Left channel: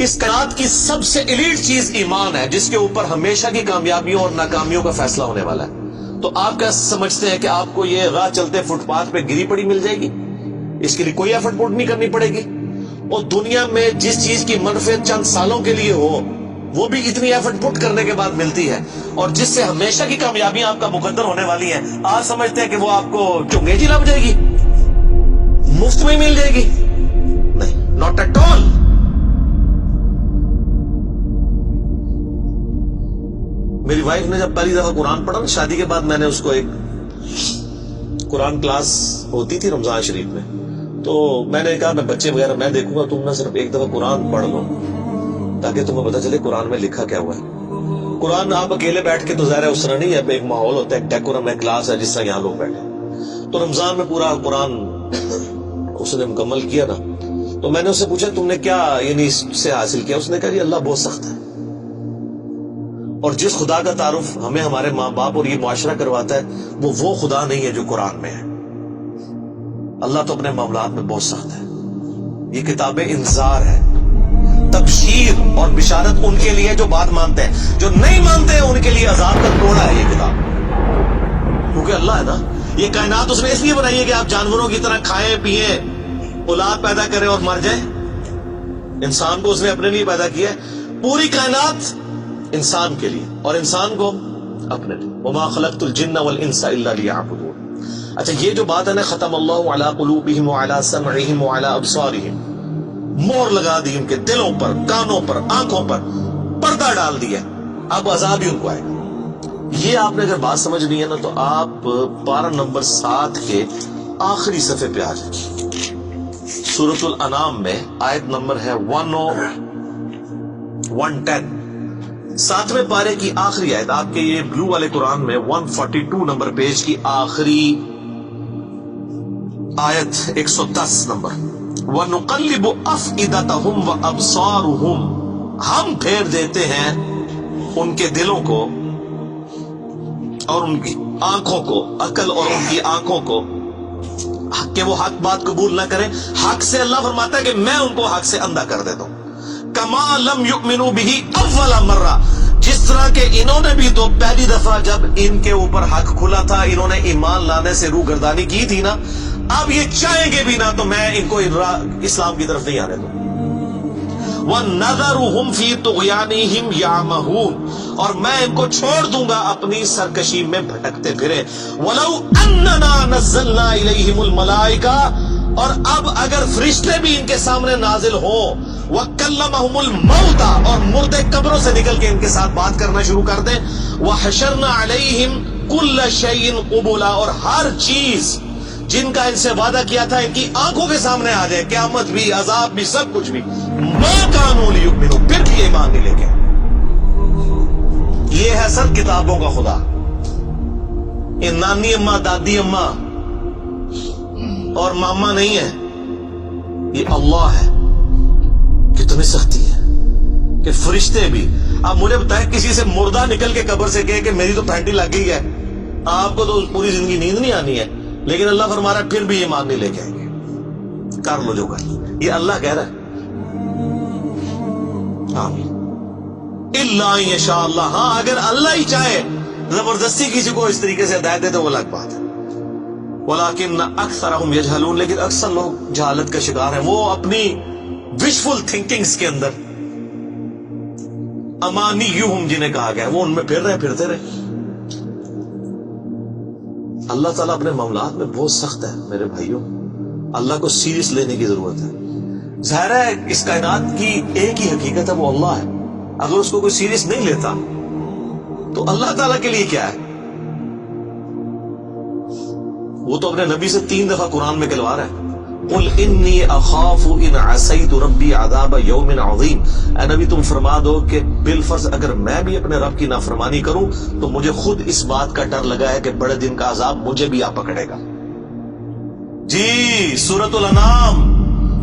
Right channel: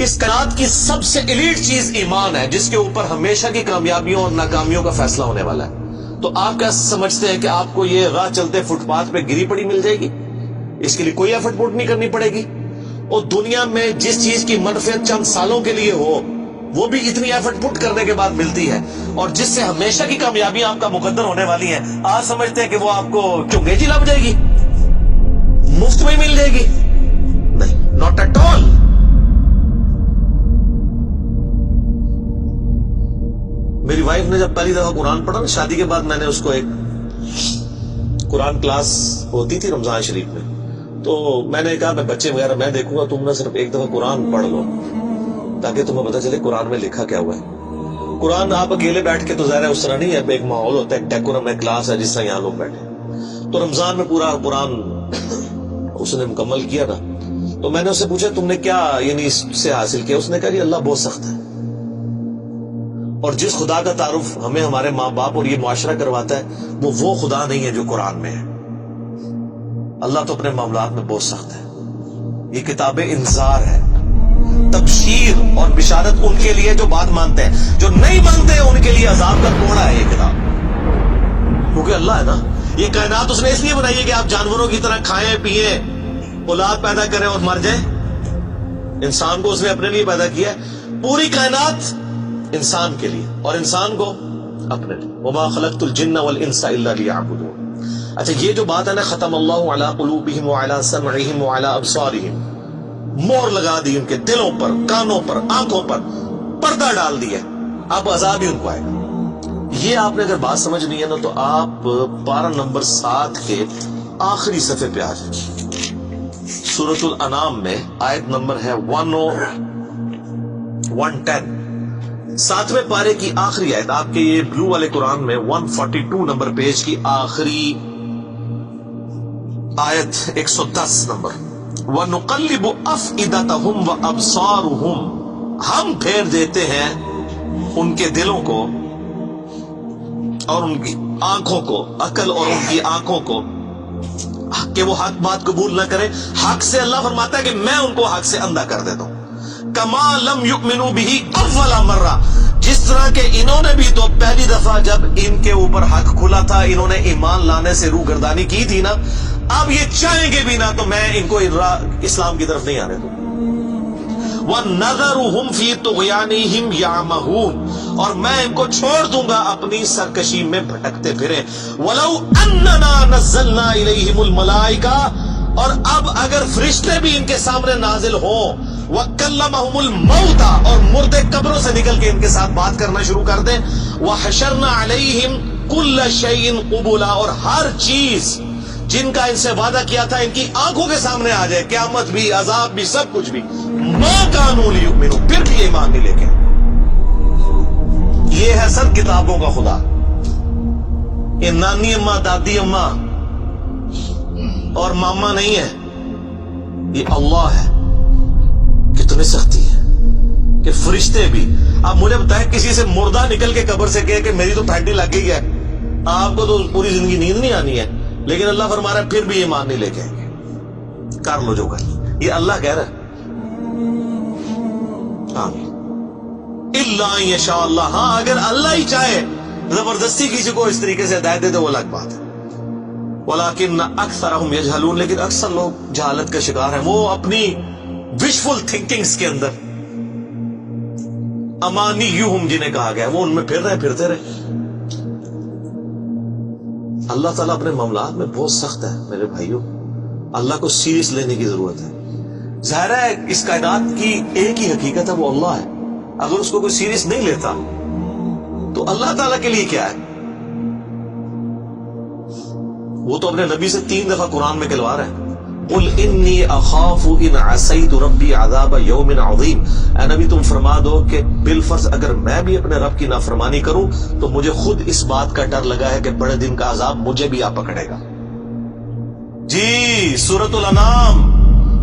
اس کائنات کی سب سے ایلیٹ چیز ایمان ہے، جس کے اوپر ہمیشہ کی کامیابیوں اور ناکامیوں کا فیصلہ ہونے والا ہے۔ تو آپ کیا سمجھتے ہیں کہ آپ کو یہ راہ چلتے فٹ پاتھ پہ گری پڑی مل جائے گی؟ اس کے لیے کوئی ایفرٹ پٹ نہیں کرنی پڑے گی۔ اور دنیا میں جس چیز کی منفعت چند سالوں کے لیے ہو، وہ بھی اتنی ایفرٹ پٹ کرنے کے بعد ملتی ہے، اور جس سے ہمیشہ کی کامیابیاں آپ کا مقدر ہونے والی ہیں، آج سمجھتے ہیں کہ وہ آپ کو چنگیجی لگ جائے گی، مفت میں ہی مل جائے گی؟ نہیں، ناٹ ایٹ آل۔ میری وائف نے جب پہلی دفعہ قرآن پڑھا نا شادی کے بعد، میں نے اس کو ایک قرآن کلاس ہوتی تھی رمضان شریف میں، تو میں نے کہا میں بچے وغیرہ میں دیکھوں گا، تم نہ صرف ایک دفعہ قرآن پڑھ لو تاکہ تمہیں پتہ چلے قرآن میں لکھا کیا ہوا ہے۔ قرآن آپ اکیلے بیٹھ کے تو ظاہر ہے اس طرح نہیں ہے، ایک ماحول ہوتا ہے، ایک ڈیکورم ہے، کلاس ہے جس طرح یہاں لوگ بیٹھے۔ تو رمضان میں پورا قرآن اس نے مکمل کیا نا، تو میں نے اس سے پوچھا تم نے کیا یعنی اس سے حاصل کیا؟ اس نے کہا جی اللہ بہت سخت ہے، اور جس خدا کا تعارف ہمیں ہمارے ماں باپ اور یہ معاشرہ کرواتا ہے وہ خدا نہیں ہے جو قرآن میں ہے۔ اللہ تو اپنے معاملات میں بہت سخت ہے۔ یہ کتاب انذار ہے، تبشیر اور بشارت ان کے لیے جو بات مانتے ہیں، جو نہیں مانتے ہیں ان کے لیے عذاب کا کوڑا ہے یہ کتاب، کیونکہ اللہ ہے نا، یہ کائنات اس نے اس لیے بنائی ہے کہ آپ جانوروں کی طرح کھائیں پیئیں، اولاد پیدا کریں اور مر جائیں۔ انسان کو اس نے اپنے لیے پیدا کیا ہے، پوری کائنات انسان کے لیے اور انسان کو اپنے لیے۔ وما خلقت الجن والانس الا لیعبدون۔ اچھا یہ جو بات ہے نا، ختم اللہ علی قلوبہم وعلی سمعہم وعلی ابصارہم، مور لگا دی ان کے دلوں پر، کانوں پر، آنکھوں پر، پردہ ڈال دیا، اب عذاب ہی ان کو آئے گا۔ یہ آپ نے اگر بات سمجھنی ہے نا تو آپ پارہ نمبر 7 کے آخری صفحے پہ آ جائیں، سورۃ الانعام میں آیت نمبر ہے 110، 7ویں پارے کی آخری آیت، آپ کے یہ بلو والے قرآن میں 142 نمبر پیج کی آخری آیت 110 نمبر، وَنُقَلِّبُ أَفْئِدَتَهُمْ وَأَبْصَارُهُمْ، ہم پھیر دیتے ہیں ان کے دلوں کو اور ان کی آنکھوں کو، عقل اور ان کی آنکھوں کو، کہ وہ حق بات قبول نہ کریں۔ حق سے اللہ فرماتا ہے کہ میں ان کو حق سے اندھا کر دیتا ہوں۔ کما لم یؤمنوا بہ اول مرہ، جس طرح کہ انہوں نے بھی تو پہلی دفعہ جب ان کے اوپر حق کھلا تھا انہوں نے ایمان لانے سے روح گردانی کی تھی نا، اب یہ چاہیں گے بھی نہ تو میں ان کو اسلام کی طرف نہیں آنے دوں۔ وَنَذَرُهُمْ فِي طُغْيَانِهِمْ يَعْمَهُونَ، اور میں ان کو چھوڑ دوں گا اپنی سرکشی میں بھٹکتے پھرے۔ وَلَوْ أَنَّنَا نَزَّلْنَا إِلَيْهِمُ الْمَلَائِكَةَ، اور اب اگر فرشتے بھی ان کے سامنے نازل ہوں، وَكَلَّمَهُمُ الْمَوْتَى، اور مردے قبروں سے نکل کے ان کے ساتھ بات کرنا شروع کر دیں، وَحَشَرْنَا عَلَيْهِمْ كُلَّ شَيْءٍ قُبُلًا، اور ہر چیز جن کا ان سے وعدہ کیا تھا ان کی آنکھوں کے سامنے آ جائے، قیامت بھی، عذاب بھی، سب کچھ بھی، مَا كَانُوا لِيُؤْمِنُوا، پھر بھی ایمان نہیں لے کے۔ یہ ہے سر کتابوں کا خدا، یہ نانی اماں، دادی اماں اور ماما نہیں ہے، یہ اللہ ہے۔ کتنی سختی ہے کہ فرشتے بھی، اب مجھے بتائیں کسی سے مردہ نکل کے قبر سے کہے کہ میری تو پھینٹی لگ گئی ہے، آپ کو تو پوری زندگی نیند نہیں آنی ہے، لیکن اللہ فرما رہا ہے پھر بھی ایمان نہیں لے کے آئیں گے، کر لو جو کر، یہ اللہ کہہ رہا ہے۔ ہاں الا ان یشاء اللہ، ہاں اگر اللہ ہی چاہے زبردستی کسی کو اس طریقے سے ہدایت دے تو وہ الگ بات ہے۔ ولکن اکثرهم یجہلون، لیکن اکثر لوگ جہالت کا شکار ہیں، وہ اپنی وشفل تھنکنگز کے اندر، امانیہم جنہیں کہا گیا ہے، وہ ان میں پھر رہے پھرتے رہے۔ اللہ تعالیٰ اپنے معاملات میں بہت سخت ہے میرے بھائیوں، اللہ کو سیریس لینے کی ضرورت ہے۔ ظاہر ہے اس کائنات کی ایک ہی حقیقت ہے، وہ اللہ ہے، اگر اس کو کوئی سیریس نہیں لیتا تو اللہ تعالیٰ کے لیے کیا ہے؟ وہ تو اپنے نبی سے 3 دفعہ قرآن میں کہلوا رہا ہے، قل انی اخاف ان عصیت ربی عذاب یوم عظیم، اے نبی تم فرما دو کہ بالفرض اگر میں بھی اپنے رب کی نافرمانی کروں تو مجھے خود اس بات کا ڈر لگا ہے کہ بڑے دن کا عذاب مجھے بھی آ پکڑے گا۔ جی سورۃ الانعام،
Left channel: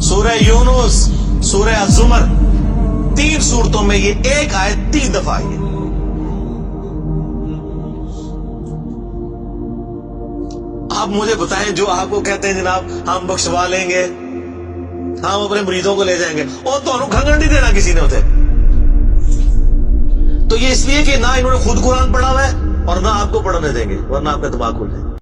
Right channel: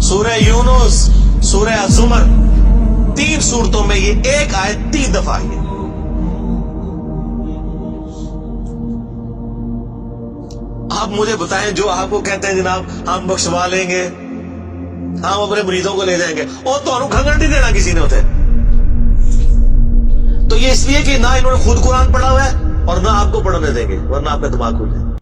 سورہ یونس، سورہ الزمر، 3 سورتوں میں یہ ایک آیت 3 دفعہ آئی ہے۔ آپ مجھے بتائیں جو آپ کو کہتے ہیں جناب ہم بخشوا لیں گے، ہم اپنے مریدوں کو لے جائیں گے اور تو کھنگن نہیں دینا کسی نے ہوتے. تو یہ اس لیے کہ نہ انہوں نے خود قرآن پڑھا ہوا ہے اور نہ آپ کو پڑھنے دیں گے ورنہ آپ کا دماغ کھل جائے.